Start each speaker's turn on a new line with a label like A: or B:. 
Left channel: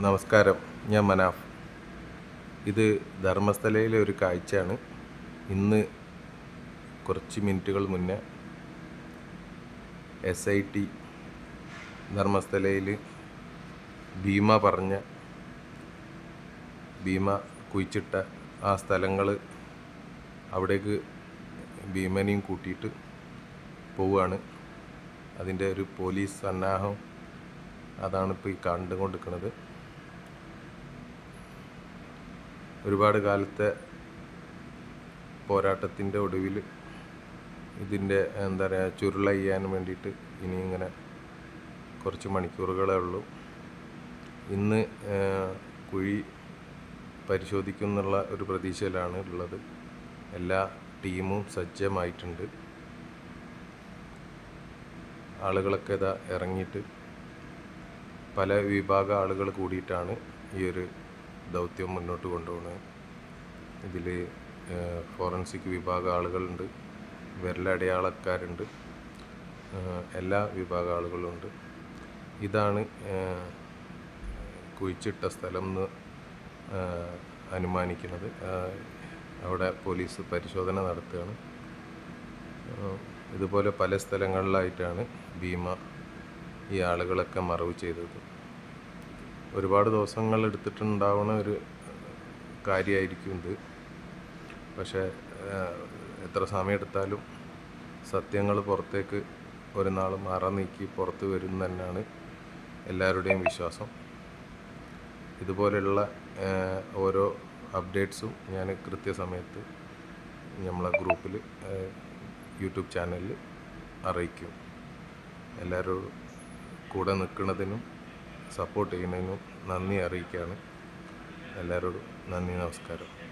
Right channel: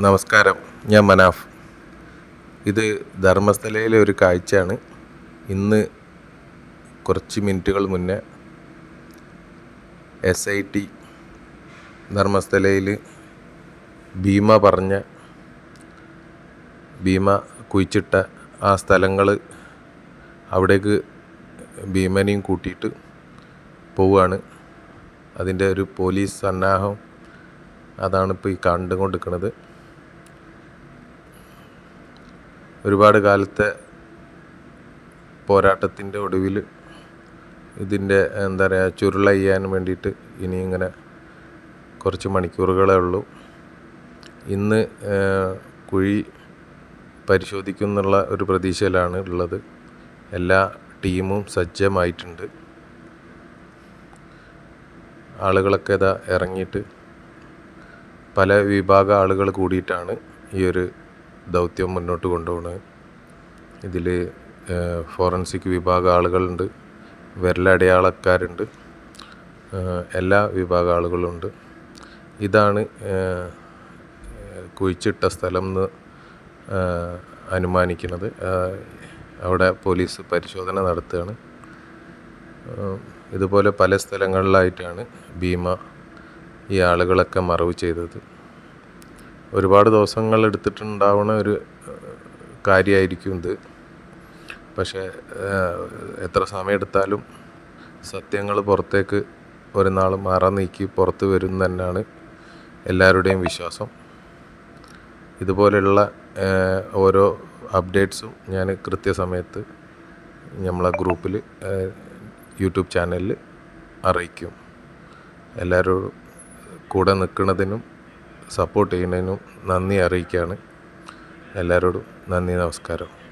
A: നമസ്കാരം. ഞാൻ മനാഫ്. ഇത് ധർമ്മസ്ഥലയിലെ ഒരു കാഴ്ചയാണ്. ഇന്ന് കുറച്ച് മിനിറ്റുകൾ മുന്നേ എസ് ഐ ടി ധർമ്മസ്ഥലയിൽ ഭീമ പറഞ്ഞ ഭീമ കുഴിച്ചിട്ട ആ സ്ഥലങ്ങൾ അവിടേക്ക് ഭീമനെയും കൂട്ടിയിട്ട് പോവുകയാണ്. അതിന്റെ ഒരു പോലീസ് സന്നാഹം അതാണ് ഇപ്പോൾ ഈ കണ്ടുകൊണ്ടിരിക്കുന്നത്. ഒരുപാട് കാലത്തെ പോരാട്ടത്തിന്റെ ഒടുവിൽ ഇതിന്റെ എന്താ പറയുക ചുരുളയ്യാൻ വേണ്ടിയിട്ട് ഇനി ഇങ്ങനെ കുറച്ച് മണിക്കൂറുകളേ ഉള്ളൂ. ഇന്ന് കുഴി പരിശോധിക്കുന്നുള്ള ഒരു പ്രതീക്ഷയിലാണ് ഉള്ളത്. എല്ലാ ടീമും സജ്ജമായിട്ടുണ്ട്. ആളുകളൊക്കെ ഇതാ ഇറങ്ങിയിട്ട് പല വിഭാഗ ആളുകൾ കൂടിയിട്ടാണ് ഈ ഒരു ദൗത്യം മുന്നോട്ട് കൊണ്ടുപോകുന്നത് ഇതിൽ ഫോറൻസിക് വിഭാഗ ആളുകളുണ്ട്. വിരലടയാളക്കാരുണ്ട്. എല്ലാ വിഭാഗ ആളുകളുണ്ട്. ഇതാണ് കുഴിച്ചിട്ട സ്ഥലം എന്ന് അനുമാനിക്കുന്നത്. അവിടെ പോലീസ് പരിശോധന നടത്തുകയാണ്. ഇതുപോലെ പല സ്ഥലങ്ങളിലായിട്ടാണ് ഭീമ ഈ ആളുകളൊക്കെ മറവ് ചെയ്തത്. ഒരുപാട് ദിവസങ്ങൾ എടുത്തിട്ടുണ്ടാവുന്ന ഒരു കാര്യമായിരിക്കും ഇത്. പക്ഷേ എത്ര സമയമെടുത്താലും സത്യങ്ങൾ പുറത്തേക്ക് ഒരു നാൾ മാറാൻ നീക്കി പുറത്ത് വരും തന്നെയാണ് എല്ലാവരുടെയും വിശ്വാസം. ഇതുപോലെയുള്ള ഓരോ അപ്ഡേറ്റ്സും ഞാൻ കൃത്യസമയത്ത് നമ്മളെ ഗ്രൂപ്പിൽ യൂട്യൂബ് ചാനലിൽ അറിയിക്കും. എല്ലാവരും കൂടെ നിൽക്കുന്നതിനും സപ്പോർട്ട് ചെയ്യുന്നതിനും നന്ദി അറിയിക്കുകയാണ്. എല്ലാവരോടും നന്ദി നമസ്കാരം.